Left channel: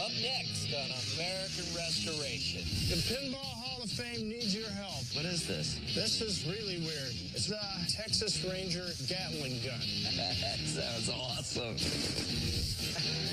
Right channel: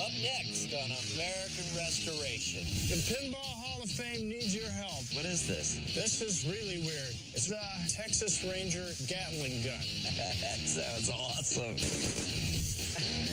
Up next on American Restoration. The Pinball Hall of Fame needs your help. What is this? This is really weird. It's the Texas Ranger Gatling gun. That sounds awesome.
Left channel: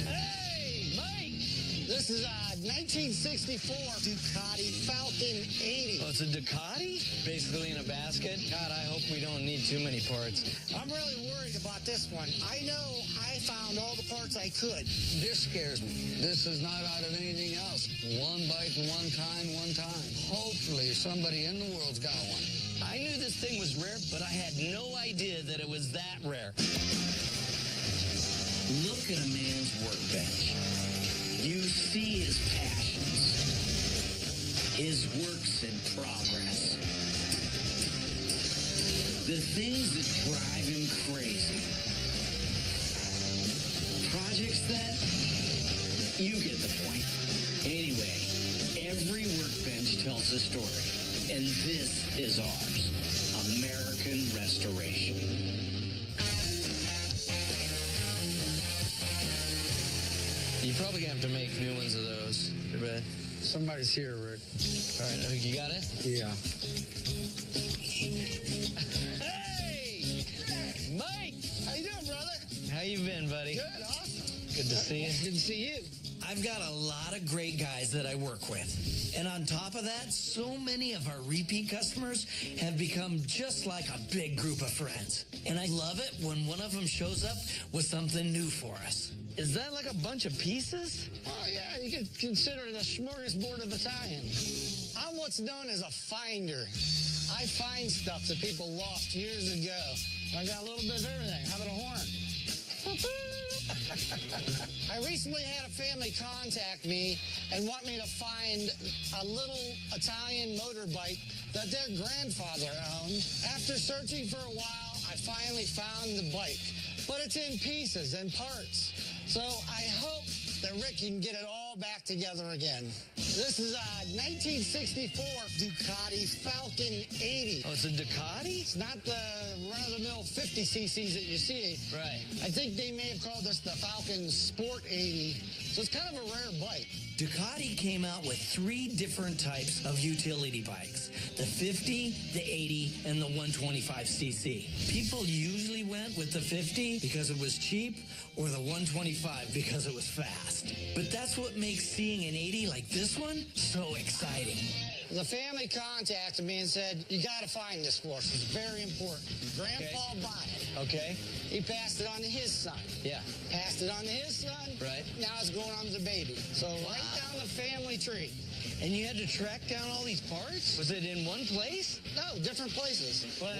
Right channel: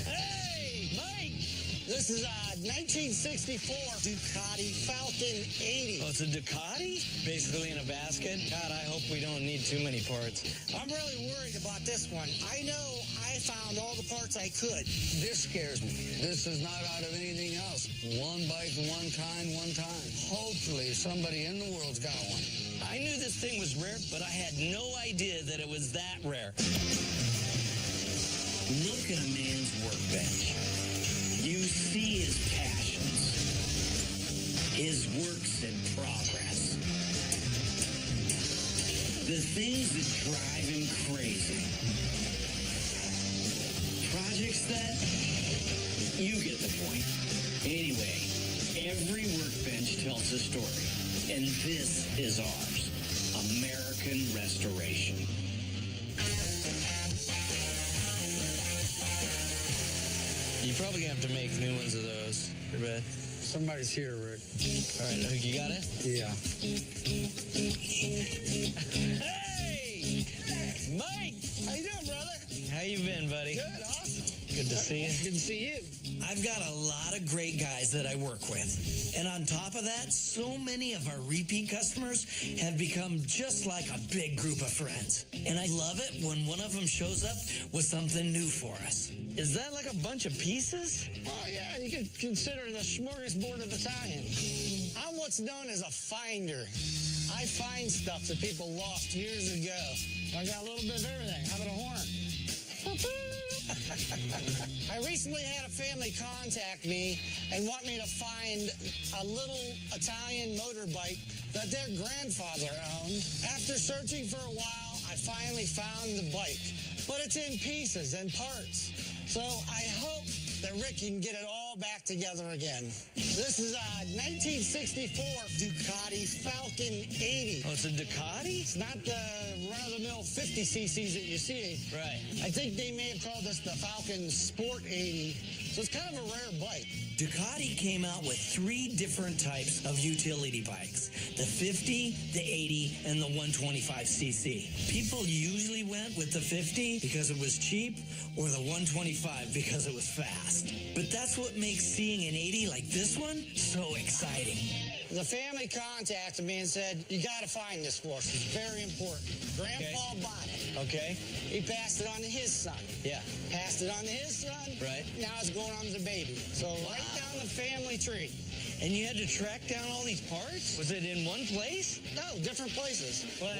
Hey, Mike! This is a 1964 Ducati Falcon 80. Oh, it's a Ducati? Basically in a basket? God, I hope we don't need too many parts. I'm really worried about this one. I know I found all the parts I could. This scares me. This is not out of anything else. One bike, one kind, one time. Hopefully somebody in the world's got one. I knew this thing was rare, but I had no idea that it was that rare. Look at a man's workbench. You see his passions, his works in progress, the things that drive him crazy, projects that, you get the point. Anyway, every workbench tells a story, and this is ours, American Restoration. You're probably gonna have to make new ones of those. I bet. Somebody's here, Rick. All right, you got it? Yeah. Hey! Mike! How you doing, brother? How you been, buddy? Good, awesome. Good to see you. Good to see you. I've got a lot of great guys that I work with. And on top of that, so many of our repeat customers have become just like a big group of friends. And I love it when one of them shows up with something new for us. Is that like a bunch of pieces? Oh, yeah, you could consider it a smorgasbord of Italian. I'm what's known as a finder. I find stuff that people lost years ago. I got a little bit of everything. How about a horn? I recently had a family contact me and want me to find a little Italian motorbike that their grandfather owned. After searching for a while, I finally found the bike, but it's in pieces and parts. So I hope that Rick can get it all back together again. This is a 1964 Ducati Falcon 80. Oh, it's a Ducati? It's not the run-of-the-mill 50 cc's that you see. Right. I think they may have called this the Falcon Sport 80. So it's kind of a rare bike. Ducati came out with 3 different types of utility bikes, the 50, the 80, and the 125cc. People usually went with the 50 because it was cheap, or the 125 because it was fast. But that's what makes seeing an 80 like this one so exciting. The family contacted me and said, you got to find this for us. It's very important. Grandpa bought it. Okay. He passed it on to his son. Yeah. Passed it on to his son. Right. Now it's going on to the baby. So right down the family tree. And you had to track down all these parts? Was it in one place? No, different places. Wow.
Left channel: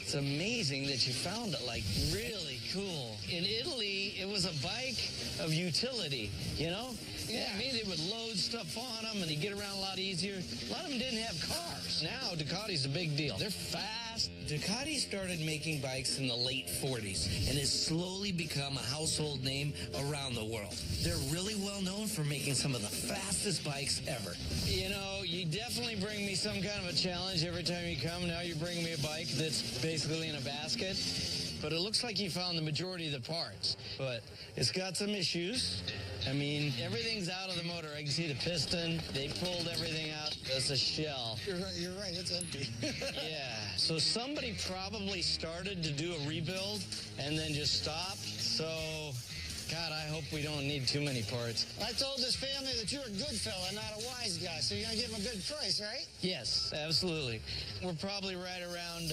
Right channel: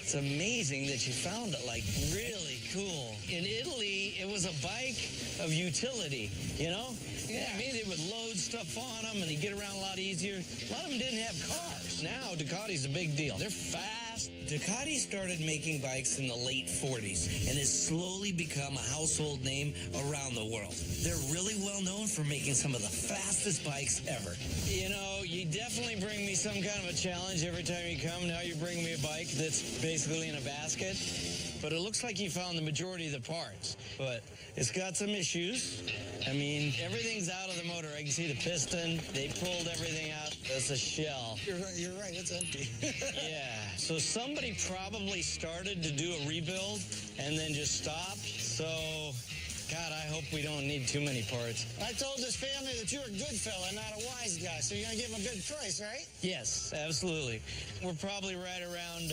It's amazing that you found it, like, really cool. In Italy, it was a bike of utility, you know? Yeah. I mean, they would load stuff on them, and they get around a lot easier. A lot of them didn't have cars. Now, Ducati's a big deal. They're fast. Ducati started making bikes in the late 40s and has slowly become a household name around the world. They're really well known for making some of the fastest bikes ever. You know, you definitely bring me some kind of a challenge every time you come. Now you bring me a bike that's basically in a basket. But it looks like you found the majority of the parts. But it's got some issues. I mean, everything's out of the motor. I can see the piston. They pulled everything out. That's a shell. You're right. It's empty. Yeah. So somebody probably started to do a rebuild and then just stopped. So, God, I hope we don't need too many parts. I told this family that you're a good fella, not a wise guy. So you're going to give them a good price, right? Yes, absolutely. We're probably right around,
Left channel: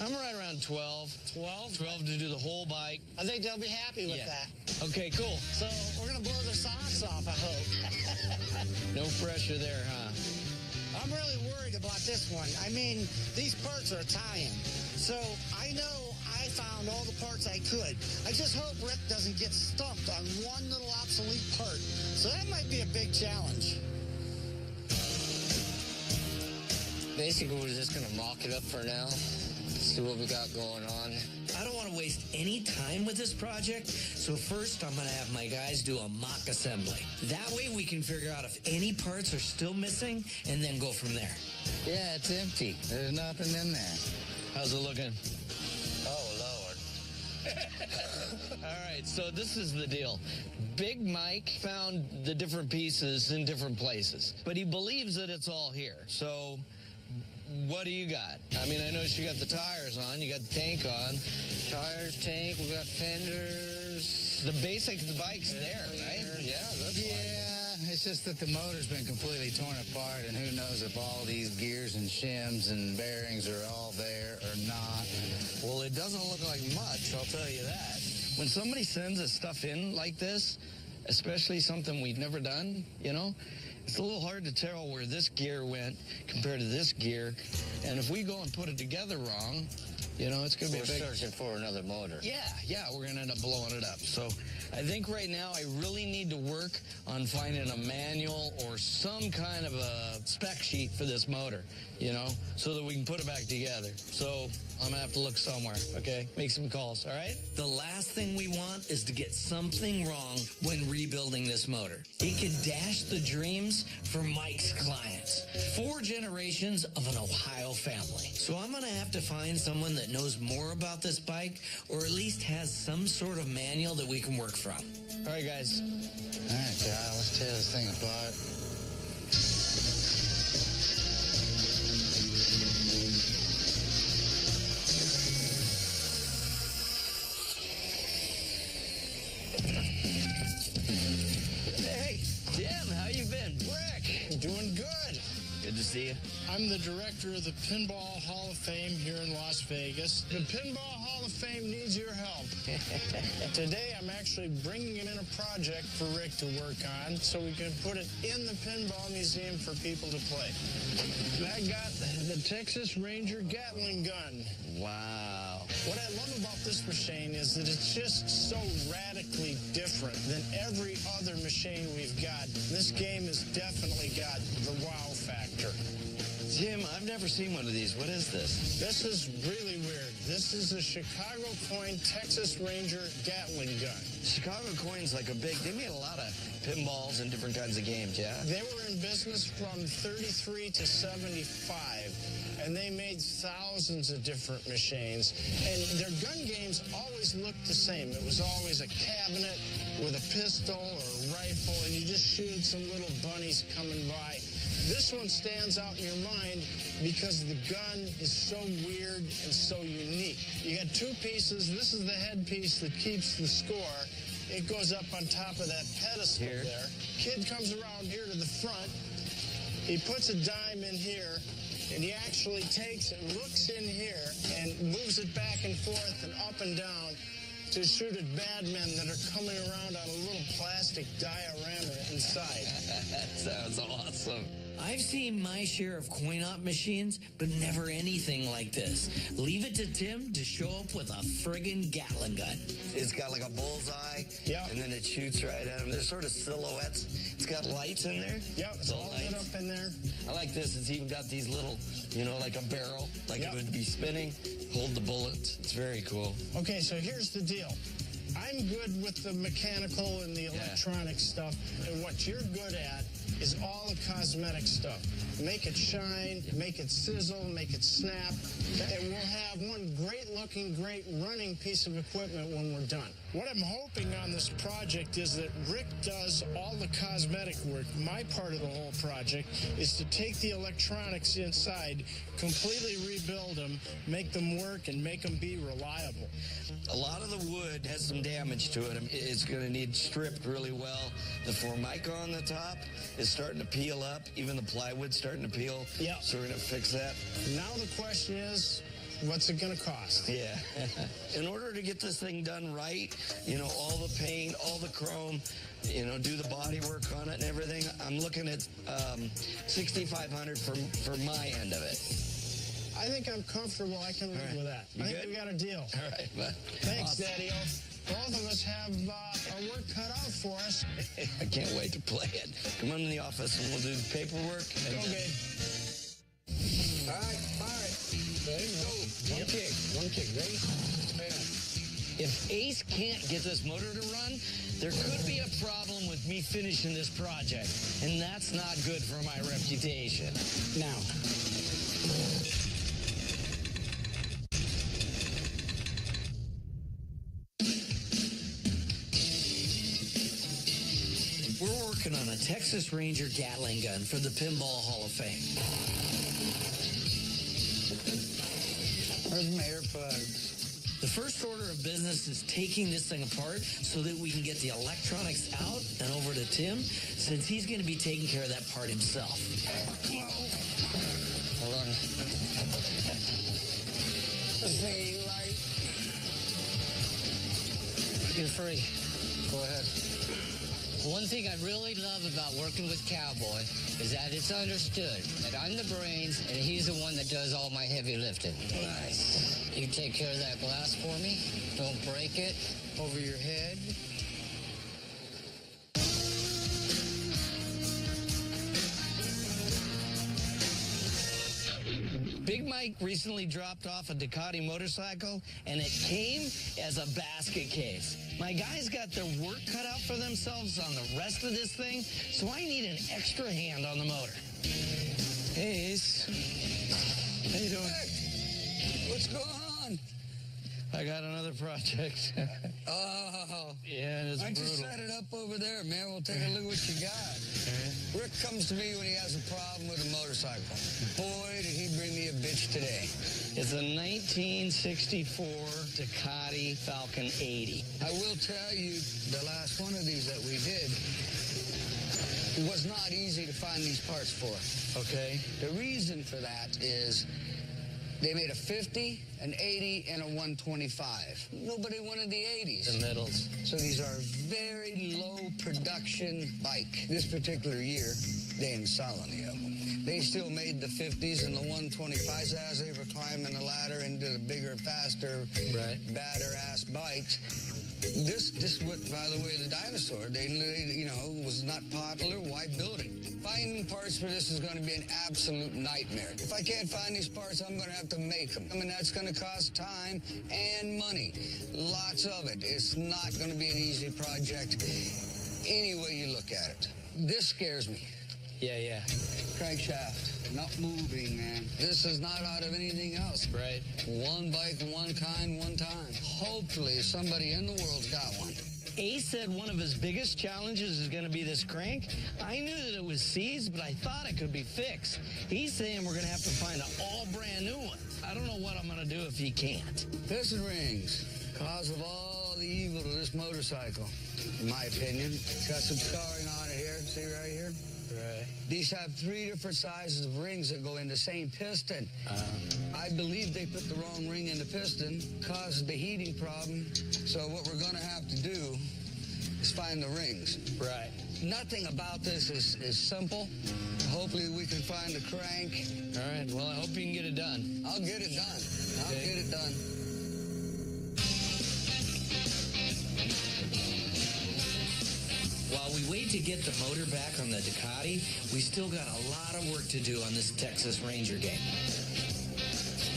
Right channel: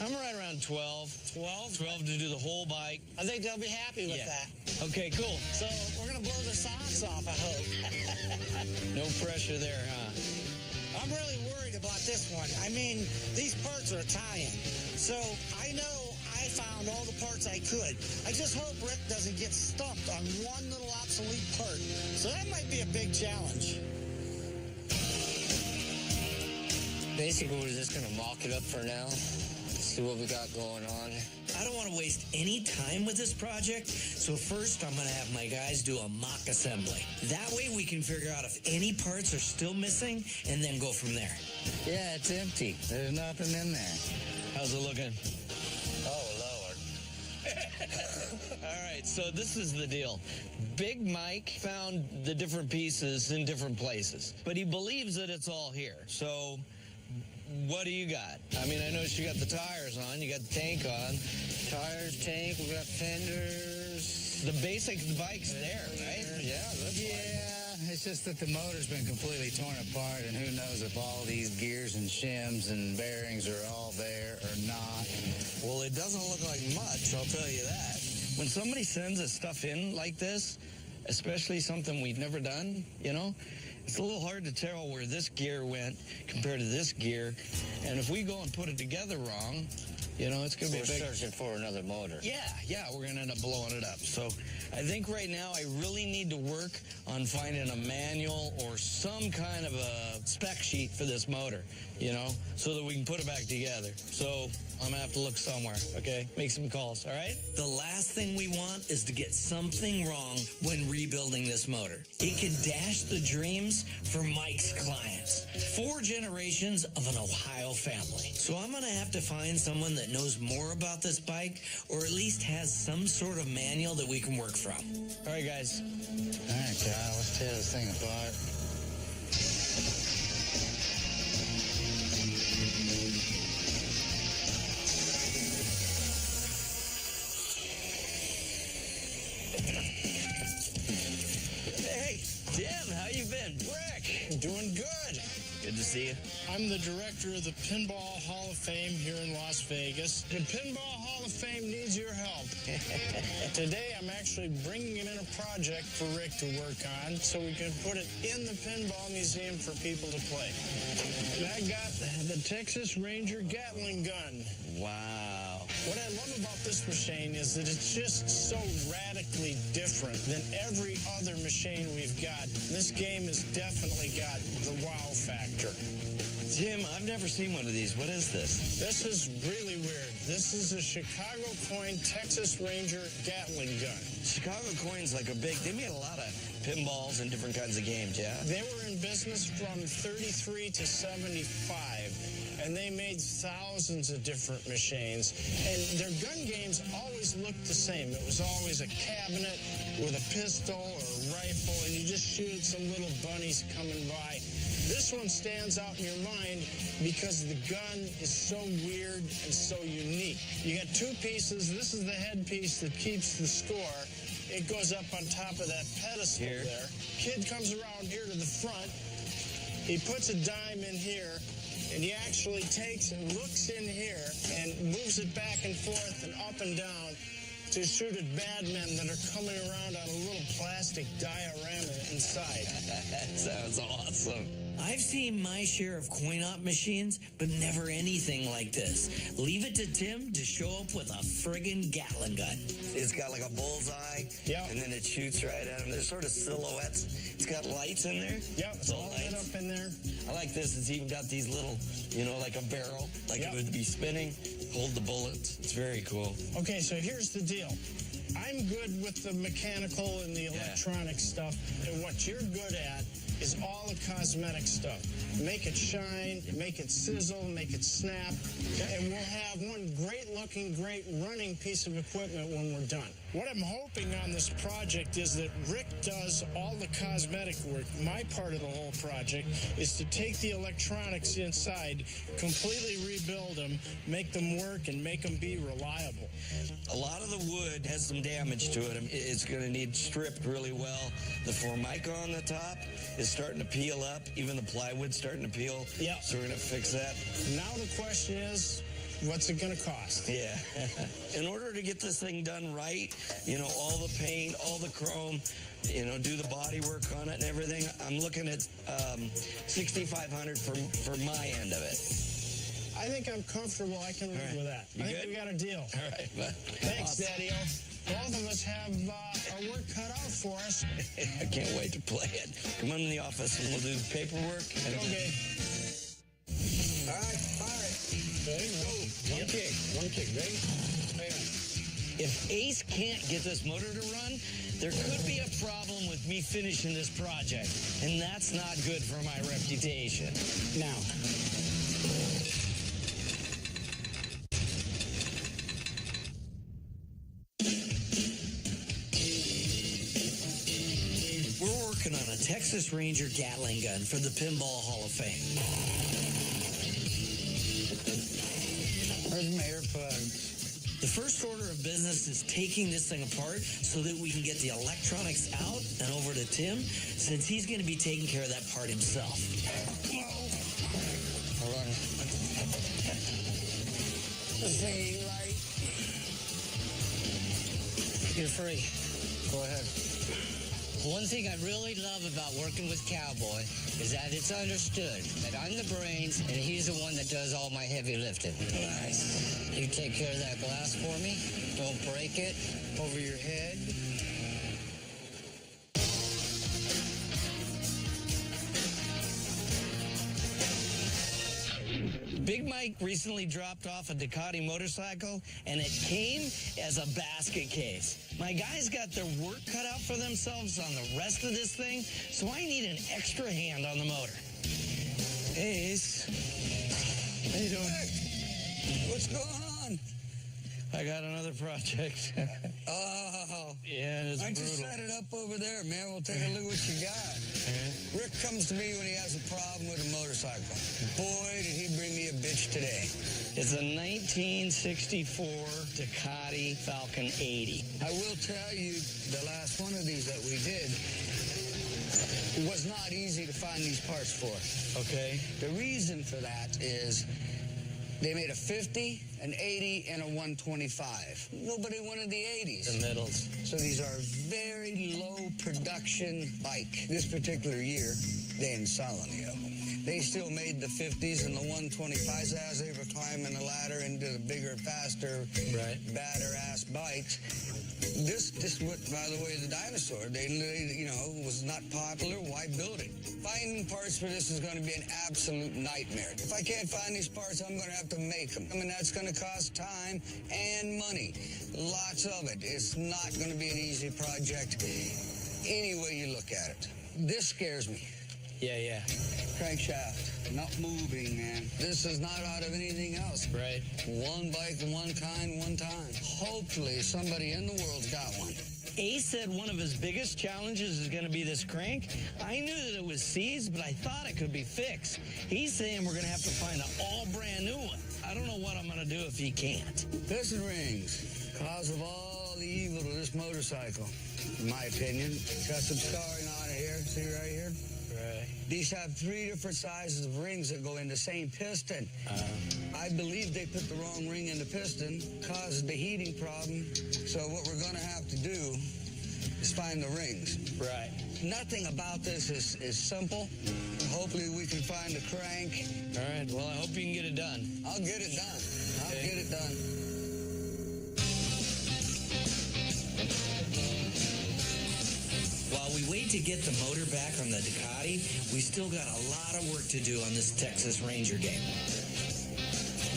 I'm right around 12. 12? 12 to do the whole bike. I think they'll be happy with that. Okay, cool. So we're going to blow their socks off, I hope. No pressure there, huh? I'm really worried about this one. I mean, these parts are Italian. So I know I found all the parts I could. I just hope Rick doesn't get stumped on one little obsolete part. So that might be a big challenge. Basically, we're just going to mock it up for now, see what we got going on. I don't want to waste any time with this project, so first I'm going to have my guys do a mock assembly. That way we can figure out if any parts are still missing and then go from there. Yeah, it's empty. There's nothing in there. How's it looking? Oh, Lord. All right, so this is the deal. Big Mike found the different pieces in different places, but he believes that it's all here. So what do you got? I mean, I noticed you got the tires on, you got the tank on. Tires, tank, we got fenders. The basic bike's there, right? Yeah, looks like it. Yeah, it's just that the motor's been completely torn apart, and who knows if all these gears and shims and bearings are all there or not. Well, it doesn't look like much, I'll tell you that. When somebody sends us stuff in like this, especially something we've never done, you know, it's a little hard to tell where this gear went compared to this gear. And if we go and put it together wrong, you know, it's going to be We're searching for another motor. Yeah, we're going to end up blowing it up. So I think right now I really need to work on finding a manual or some kind of a spec sheet for this motor, you know, so that we can put it back together. So I'm going to have to look somewhere, okay? Make some calls, all right? The last thing we want is to get something wrong when rebuilding this motor. It could dash the dreams for Mike's clients. 4 generations of an Ohio family. So I'm going to have to find someone that knows more about this bike, or at least has some sort of manual that we can work from. All right, guys. All right, Kyle, let's tear this thing apart. Hey, Tim, how you been? Rick. Doing good. Good to see you. I'm the director of the Pinball Hall of Fame here in Las Vegas. The Pinball Hall of Fame needs your help. Today, I'm actually bringing in a project for Rick to work on so we can put it in the Pinball Museum for people to play. And I got the Texas Ranger Gatling gun. Wow. What I love about this machine is that it's just so radically different than every other machine we've got. This game has definitely got the wow factor. Tim, I've never seen one of these. What is this? This is really weird. This is a Chicago coin Texas Ranger Gatling gun. Chicago coins like a big, they made a lot of pinballs and different kinds of games, yeah? They were in business from 33 to 75, and they made thousands of different machines. And their gun games always looked the same. It was always a cabinet with a pistol or a rifle, and you just shoot some little bunnies coming by. This one stands out in your mind because the gun is so weird and so unique. You got 2 pieces. This is the headpiece that keeps the score. It goes up on top of that pedestal Here. there. Kid comes around here to the front. He puts a dime in here, and he actually takes and looks in here and moves it back and forth and up and down to shoot at bad men that are coming around on a little plastic diorama inside. That sounds awesome. I've seen my share of coin-op machines, but never anything like this. Leave it to Tim to show up with a friggin' Gatling gun. It's got like a bullseye, Yep. and then it shoots right at him. There's sort of silhouettes. It's got lights in there. Yep, it's all lit up in there. I like this. It's even got these little, you know, like a barrel, like Yep. it would be spinning, hold the bullets. It's very cool. Okay, so here's the deal. I'm good with the mechanical and the electronic stuff, and what you're good at is all the cosmetic stuff. Make it shine, make it sizzle, make it snap, and we'll have one great-looking, great running piece of equipment when we're done. What I'm hoping on this project is that Rick does all the cosmetic work. My part of the whole project is to take the electronics inside, completely rebuild them, make them work, and make them be reliable. A lot of the wood has some damage to it. It's going to need stripped really well. The Formica on the top is starting to peel up. Even the plywood's starting to peel. Yeah. So we're going to fix that. Now the question is, what's it going to cost? Yeah. In order to get this thing done right, you know, all the paint, all the chrome, you know, do the body work on it and everything, I'm looking at $6,500 for my end of it. I think I'm comfortable. I can live right. with that. You I think good? we got a deal. All right, bud. Thanks, Awesome. Daddy-O. Both of us have our work cut out for us. I can't wait to play it. Come on in the office and we'll do the paperwork. And Okay. All right. Ready? Go. One kick. One kick. Ready? If Ace can't get this motor to run, there could be a problem with me finishing this project, and that's not good for my reputation. Now. working on a Texas Ranger Gatling gun for the Pinball Hall of Fame. Where's my earplugs? The first order of business is taking this thing apart so that we can get the electronics out and over to Tim, since he's going to be taking care of that part himself. Hold on. This thing ain't light. You're free. Go ahead. One thing I really love about working with Cowboy is that it's understood that I'm the brains and he's the one that does all my heavy lifting. Nice. You take care of that glass for me. Don't break it. Over your head? Big Mike recently dropped off a Ducati motorcycle, and it came as a basket case. My guys got their work cut out for themselves on the rest of this thing, so I need an extra hand on the motor. Hey, Ace. How you doing? Hey, what's going on? I got another project. Oh. Yeah, it's Why don't you brutal. set it up over there, man? We'll take a look what you got. Rick comes to me when he has a problem with a motorcycle. Boy, did he bring me a bitch today. It's a 1964 Ducati Falcon 80. I will tell you, the last one of these that we did was not easy to find these parts for. Okay. The reason for that is they made a 50, an 80, and a 125. Nobody wanted the 80s. The middles. So these are very low production bike. This particular year, they didn't sell any of them. They still made the 50s and the 125s as they were climbing the ladder into the bigger, faster, badder ass bikes. This went, by the way, the dinosaur. They you know, was not popular. Why build it? Finding parts for this is going to be an absolute nightmare. If I can't find these parts, I'm going to have to make them. I mean, that's going to cost time and money. Lots of it. It's not going to be an easy project any way you look at it. This scares me. Yeah. Crankshaft, not moving, man. This is not out of anything else. Right. One bike, one kind, one time. Hopefully somebody in the world's got one. Ace said one of his biggest challenges is going to be this crank. I knew that it was seized, but I thought it could be fixed. He's saying we're going to have to find an all brand new one. I don't know what I'm going to do if he can't. Piston rings, cause of all the evil to this motorcycle, in my opinion. It's got some scarring on it here. See right here? Right. These have 3 different sizes of rings that go in the same piston. I believe they put the wrong ring in the piston, caused the heating problem. So what we're going to have to do is find the rings. Right. Nothing about this is simple. Hopefully we can find the crank. All right. Well, I hope you can get it done. I'll get it done. I'll get it done. While we wait to get the motor back on the Ducati, we still got a lot of work to do on this Texas Ranger game.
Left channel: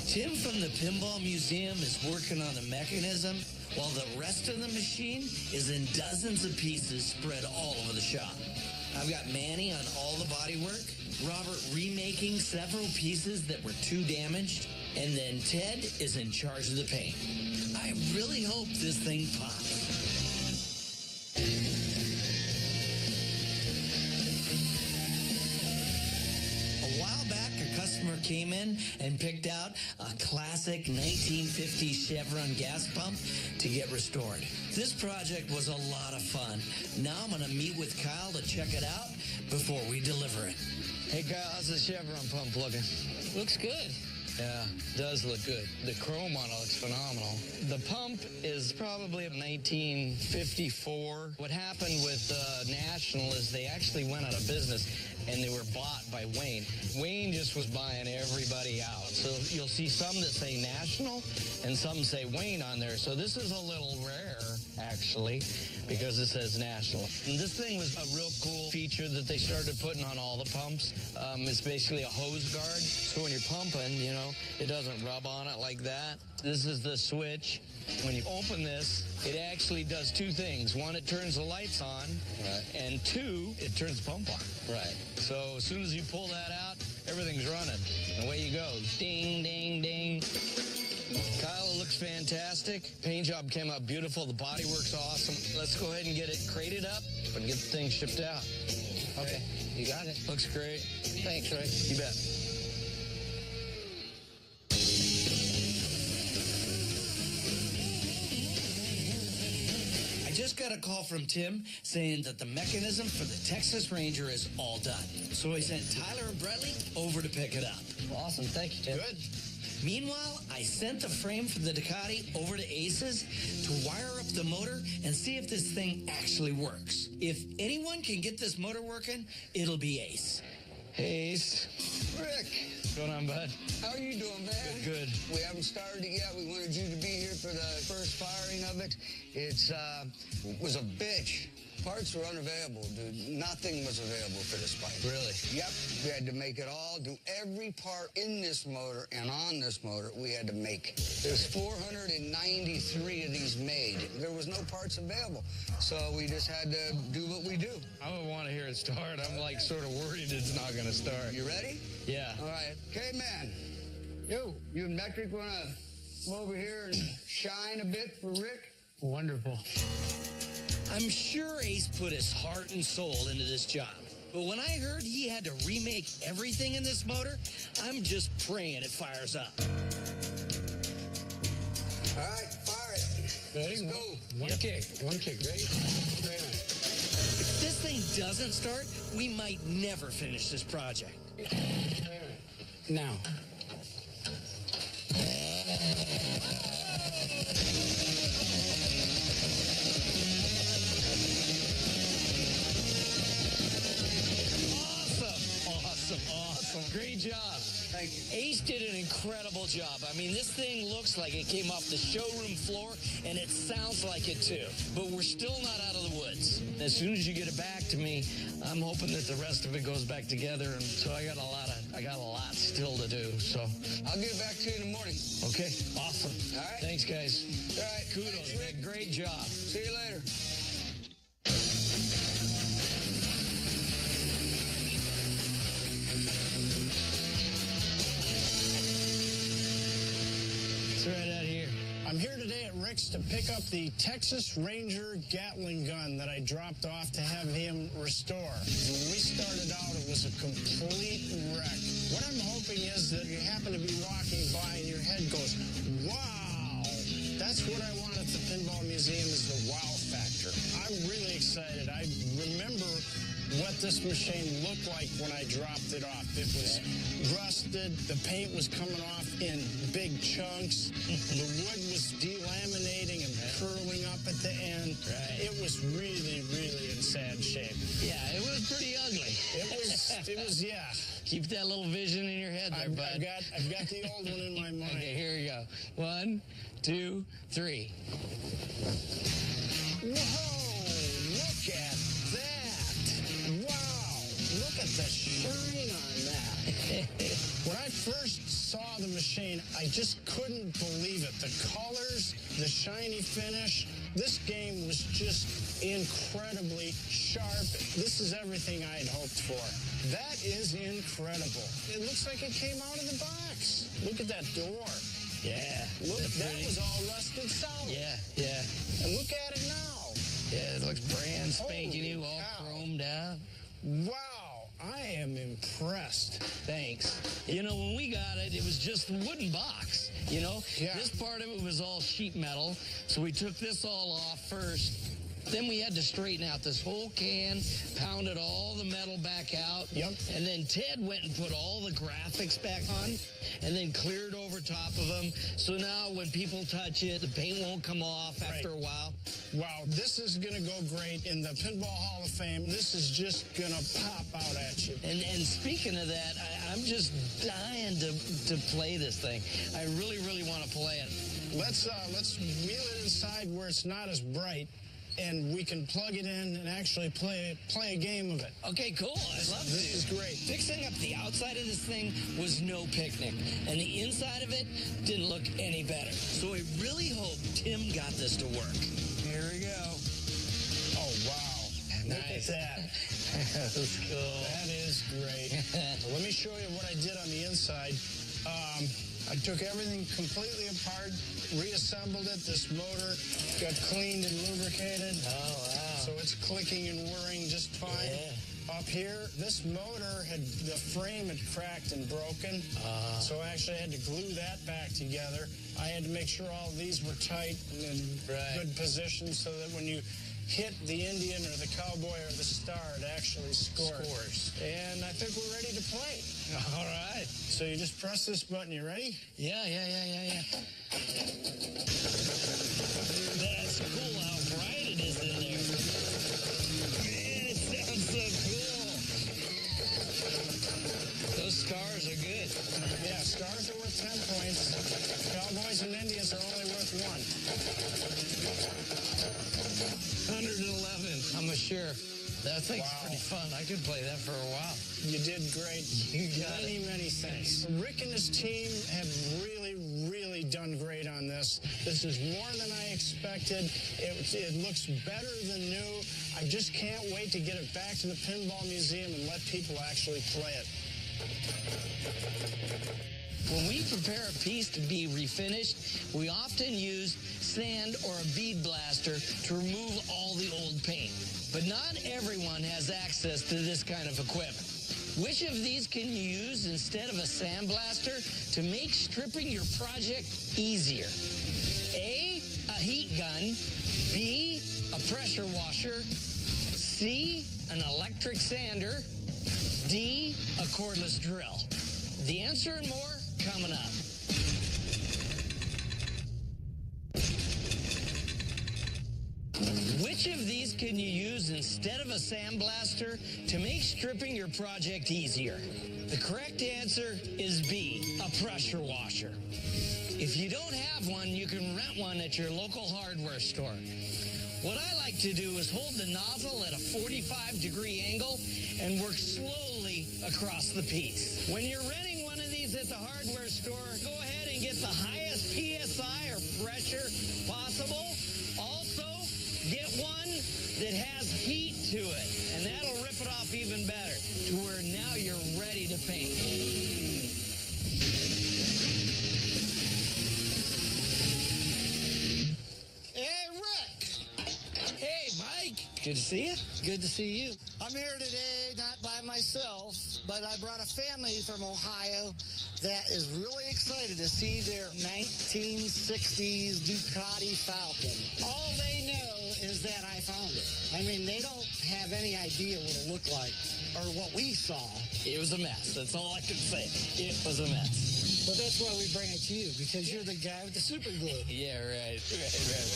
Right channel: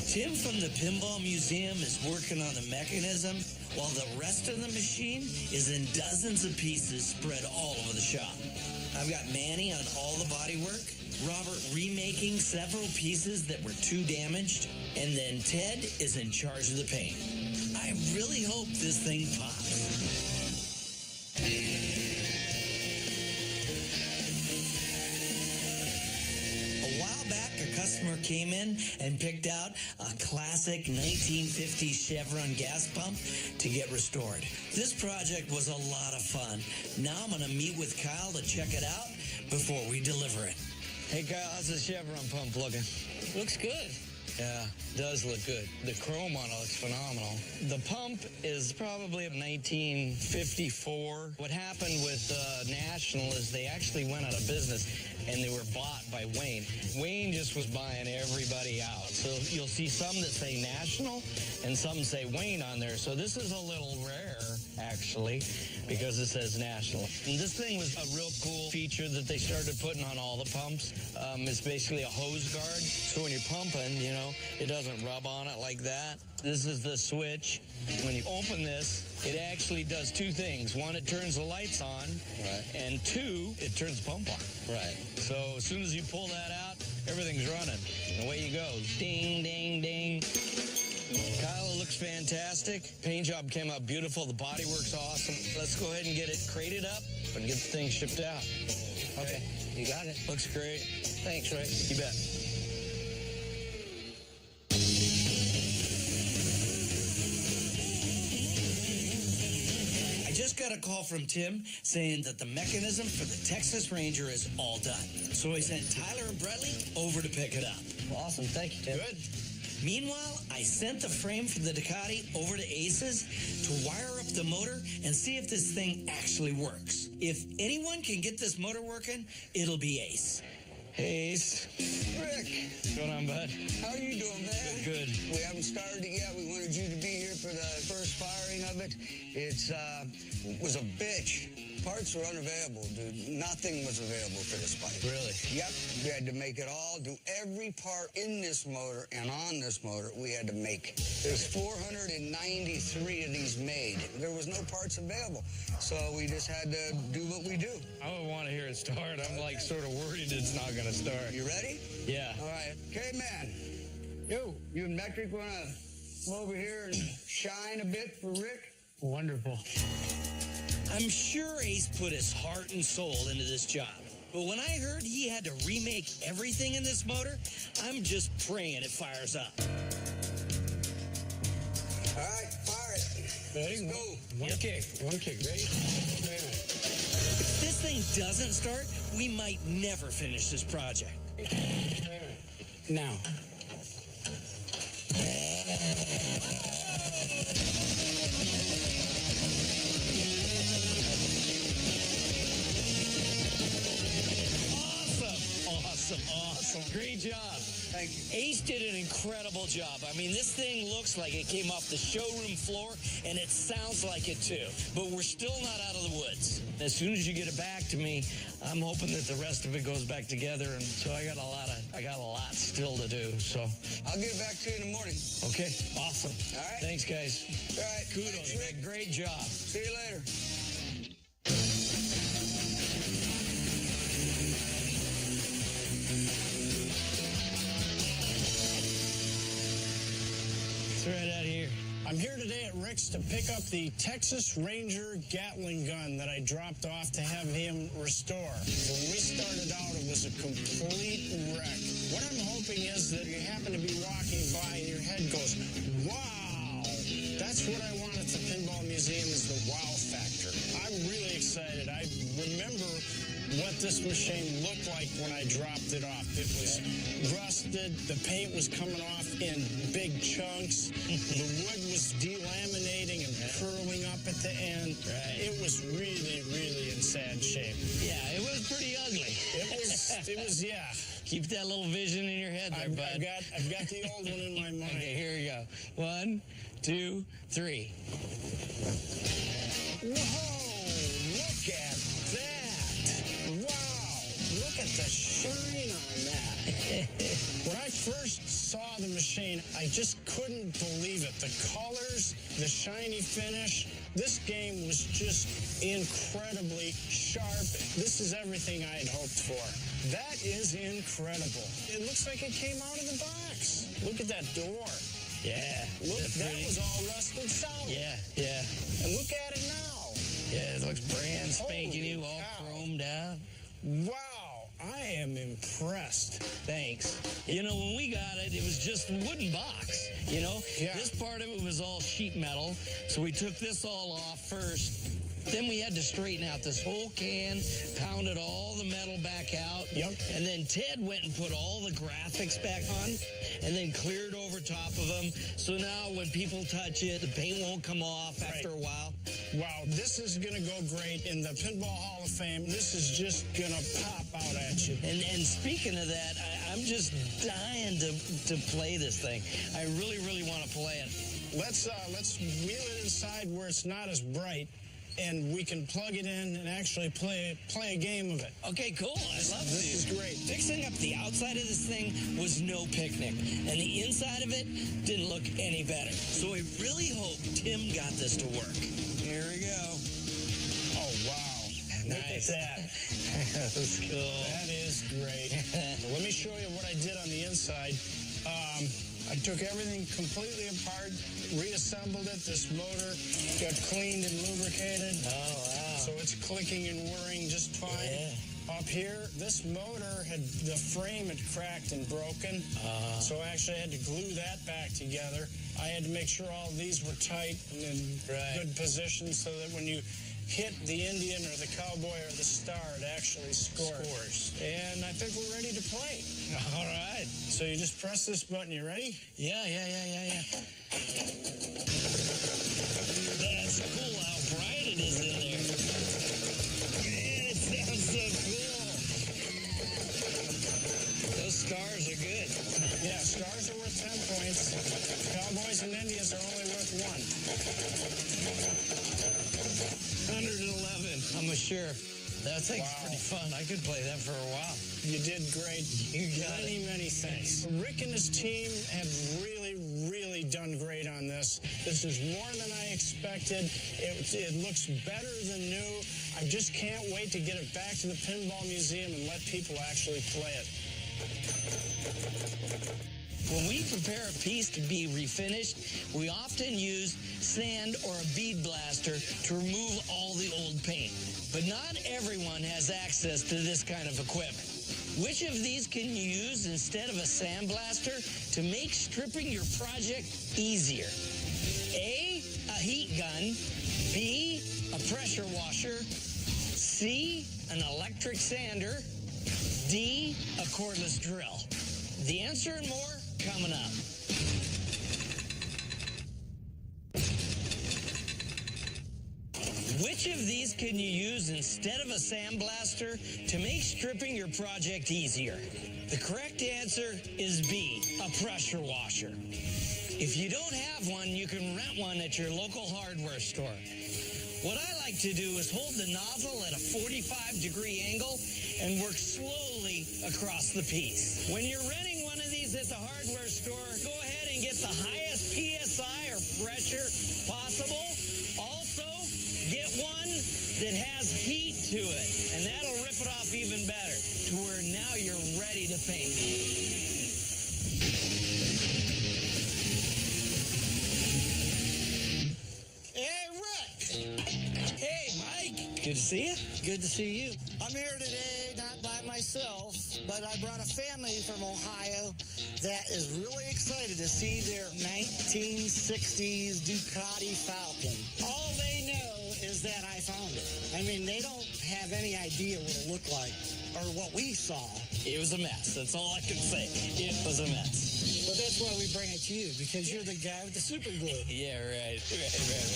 Tim from the Pinball Museum is working on the mechanism, while the rest of the machine is in dozens of pieces spread all over the shop. I've got Manny on all the bodywork, Robert remaking several pieces that were too damaged, and then Ted is in charge of the paint. I really hope this thing pops. A while back, a customer came in and picked out a classic 1950s Chevron gas pump to get restored. This project was a lot of fun. Now I'm going to meet with Kyle to check it out before we deliver it. Hey, Kyle, how's the Chevron pump looking? Looks good. Yeah, does look good. The chrome on it looks phenomenal. The pump is probably 1954. What happened with National is they actually went out of business and they were bought by Wayne. Wayne just was buying everybody out. So you'll see some that say National and some say Wayne on there. So this is a little rare, actually, because it says National. And this thing was a real cool feature that they started putting on all the pumps. It's basically a hose guard. So when you're pumping, you know, it doesn't rub on it like that. This is the switch. When you open this, it actually does 2 things. 1, it turns the lights on. Right. And 2, it turns the pump on. Right. So as soon as you pull that out, everything's running. And away you go. Ding, ding, ding. Kyle, it looks fantastic. Paint job came out beautiful. The bodywork's awesome. Let's go ahead and get it crated up and get the thing shipped out. Okay, you got it. Looks great. Thanks, Rick. You bet. I just got a call from Tim saying that the mechanism for the Texas Ranger is all done. So he sent Tyler and Bradley over to pick it up. Well, awesome. Thank you, Tim. Good. Meanwhile, I sent the frame for the Ducati over to Ace's to wire up the motor and see if this thing actually works. If anyone can get this motor working, it'll be Ace. Hey, Ace. Rick, What's going on, bud? how are you doing, man? Good. We haven't started it yet. We wanted you to be here for the first firing of it. It was a bitch. Parts were unavailable, dude. Nothing was available for this bike. Really? Yep. We had to make it all, do every part in this motor and on this motor we had to make. There's 493 of these made. There was no parts available. So we just had to do what we do. I would want to hear it start. I'm like sort of worried it's not going to start. You ready? Yeah. All right. Okay, man. You and Metric want to come over here and shine a bit for Rick? Wonderful. I'm sure Ace put his heart and soul into this job. But when I heard he had to remake everything in this motor, I'm just praying it fires up. All right, fire it. Let's go. One kick, right? If this thing doesn't start, we might never finish this project. Now. Awesome. Great job. Thank you. Ace did an incredible job. I mean, this thing looks like it came off the showroom floor, and it sounds like it too. But we're still not out of the woods. As soon as you get it back to me, I'm hoping that the rest of it goes back together. And so I got a lot still to do. So, I'll get back to you in the morning. okay. Awesome. All right. Thanks, guys. All right. Kudos, Thanks, man. Rick. Great job. See you later. It's right out here. I'm here today at Rick's to pick up the Texas Ranger Gatling gun that I dropped off to have him restore. When we started out, it was a complete wreck. What I'm hoping is that you happen to be walking by and your head goes, wow! That's what I want at the Pinball Museum is the wow factor. I'm really excited. I remember what this machine looked like when I dropped it off. It was rusted. The paint was coming off in big chunks. The wood was delaminating and curling up at the end. Right. It was really, really in sad shape. Yeah, it was pretty ugly. It was, yeah. Keep that little vision in your head there, I've bud. got the old one in my mind. Okay, here we go. 1, 2, 3. Whoa! Look at that! Wow! Look at the shine on that. When I first saw the machine, I just couldn't believe it. The colors, the shiny finish. This game was just incredibly sharp. This is everything I had hoped for. That is incredible. It looks like it came out of the box. Look at that door. Yeah. Look, Is that pretty? was all rusted solid. Yeah. And look at it now. Yeah, it looks brand spanking Holy new, all cow. chromed out. Wow, I am impressed. Thanks. You know, when we got it, it was just a wooden box, you know? Yeah. This part of it was all sheet metal, so we took this all off first. Then we had to straighten out this whole can, pounded all the metal back out. Yep. And then Ted went and put all the graphics back on and then cleared over top of them. So now when people touch it, the paint won't come off after a while. Wow, this is going to go great in the Pinball Hall of Fame. This is just going to pop out at you. And speaking of that, I'm just dying to play this thing. I really, really want to play it. Let's wheel it inside where it's not as bright, and we can plug it in and actually play a game of it. Okay, cool. I'd love to. This is great. Fixing up the outside of this thing was no picnic, and the inside of it didn't look any better. So I really hope Tim got this to work. Here we go. Oh, wow. Nice. Look at that. That's cool. That is great. Well, let me show you what I did on the inside. I took everything completely apart, reassembled it. This motor got cleaned and lubricated. Oh, wow. So it's clicking and whirring just fine. Yeah. up here, this motor the frame had cracked and broken. So I actually had to glue that back together. I had to make sure all these were tight and in good position so that when you hit the Indian or the cowboy or the star, it actually scores. And I think we're ready to play. All right. So you just press this button. You ready? Yeah. That's cool how bright it is in there. Man, it sounds so cool. Those stars are good. Yeah, stars are worth 10 points. Cowboys and Indians are only worth 1. 111, I'm sure. That thing's pretty fun. I could play that for a while. You did great. You got many thanks. Rick and his team have really done great on this. This is more than I expected. It looks better than new. I just can't wait to get it back to the Pinball Museum and let people actually play it. When we prepare a piece to be refinished, we often use sand or a bead blaster to remove all the old paint. But not everyone has access to this kind of equipment. Which of these can you use instead of a sandblaster to make stripping your project easier? A heat gun. B, a pressure washer. C, an electric sander. D, a cordless drill. The answer and more coming up. Which of these can you use instead of a sandblaster to make stripping your project easier? The correct answer is B, a pressure washer. If you don't have one, you can rent one at your local hardware store. What I like to do is hold the nozzle at a 45-degree angle and work slowly across the piece. When you're renting one of these at the hardware store, go ahead and get the highest PSI or pressure possible. Also, get one that has heat to it, and that'll rip it off even better to where now you're ready to paint. Hey, Rick! Hey, Mike. Good to see you. Good to see you. I'm here today, not by myself, but I brought a family from Ohio that is really excited to see their 1960s Ducati Falcon. All they know is that I found it. I mean, they don't have any idea what it looked like or what we saw. It was a mess. That's all I can say. It was a mess. But that's why we bring it to you, because you're the guy with the super glue. Yeah, right.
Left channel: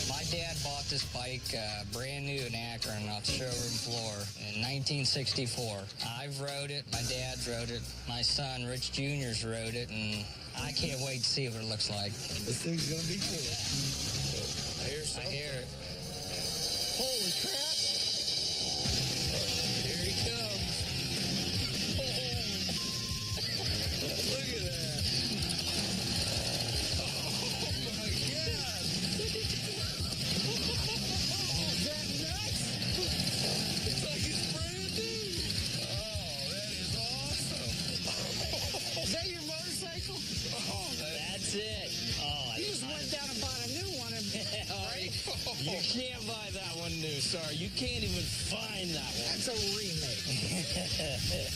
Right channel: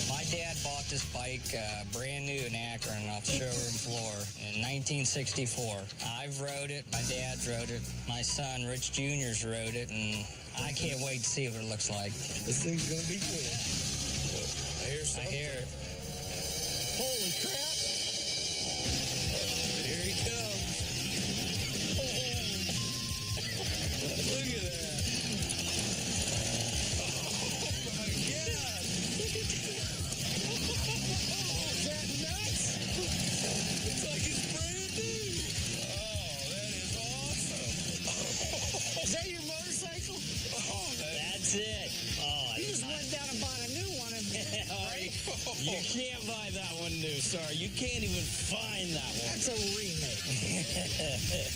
My dad bought this bike brand new in Akron off the showroom floor in 1964. I've rode it. My dad's rode it. My son, Rich Jr.'s rode it, and I can't wait to see what it looks like. This thing's going to be cool. I hear it. Holy crap! Here he comes. Oh, look at that. Is that nuts? It's like it's brand new. Oh, that is awesome. Is that your motorcycle? Oh, that's it. Oh, You just went down and bought a new one. Right? You can't buy that one new. Sorry, you can't even find that one. That's a remake.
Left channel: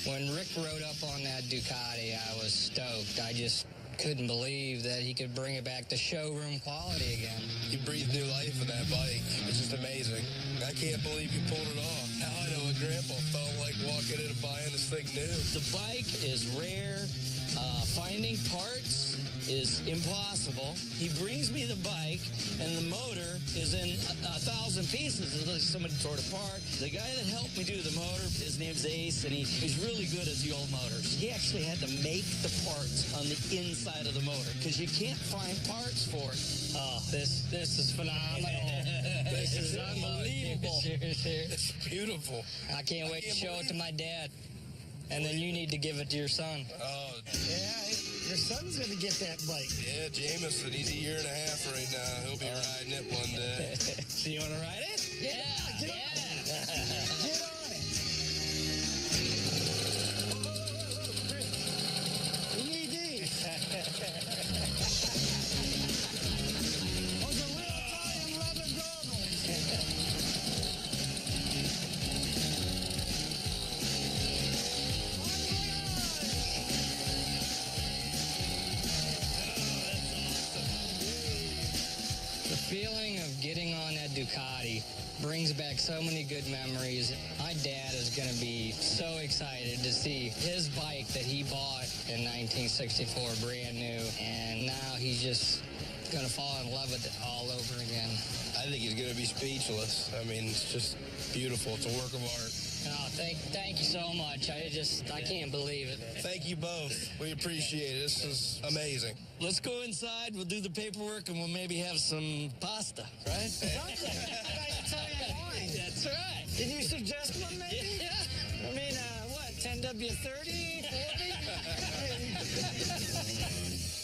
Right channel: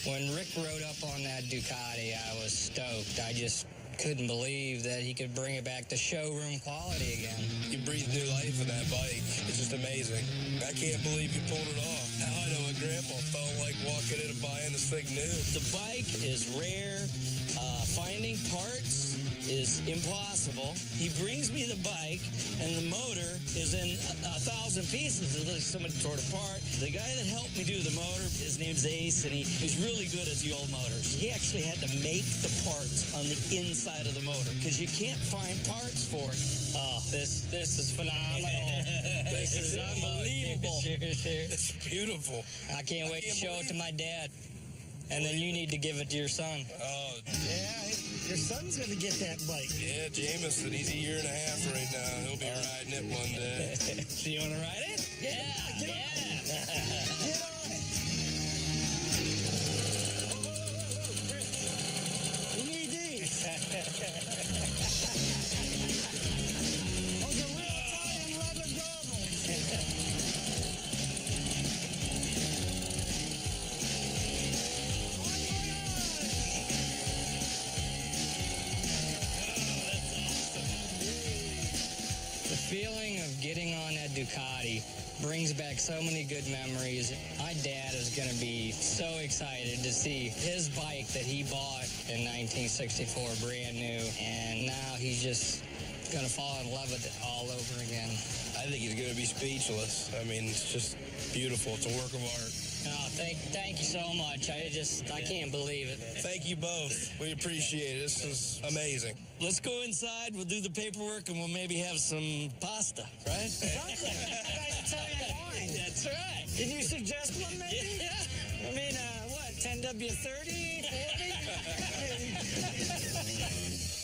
When Rick rode up on that Ducati, I was stoked. I just couldn't believe that he could bring it back to showroom quality again. You breathe new life in that bike. It's just amazing. I can't believe you pulled it off. Now I know what Grandpa felt like walking in and buying this thing new. The bike is rare. Finding parts is impossible. He brings me the bike, and the motor is in 1,000 pieces. It's like somebody tore it apart. The guy that helped me do the motor, his name's Ace, and he's really good at the old motors. He actually had to make the parts on the inside of the motor because you can't find parts for it. Oh, this is phenomenal. This is unbelievable. It's beautiful. I can't wait to show it to my dad. And then you need to give it to your son. Oh, Yeah, your son's going to get that bike. yeah, Jameson, he's a year and a half right now. He'll be riding it one day. So you want to ride it? Get on it. Chris, we need these. Those are real Italian leather goggles. Ducati brings back so many good memories. My dad is going to be so excited to see his bike that he bought in 1964 brand new, and now he's just going to fall in love with it all over again. I think he's going to be speechless. I mean, it's just beautiful. It's a work of art. Oh, thank you so much. I can't believe it. Thank you both. We appreciate it. This is amazing. Let's go inside. We'll do the paperwork, and we'll maybe have some pasta, right? Something. Italian wine. That's right. Can you suggest one, maybe? Yeah. I mean, what, 10W30, 40?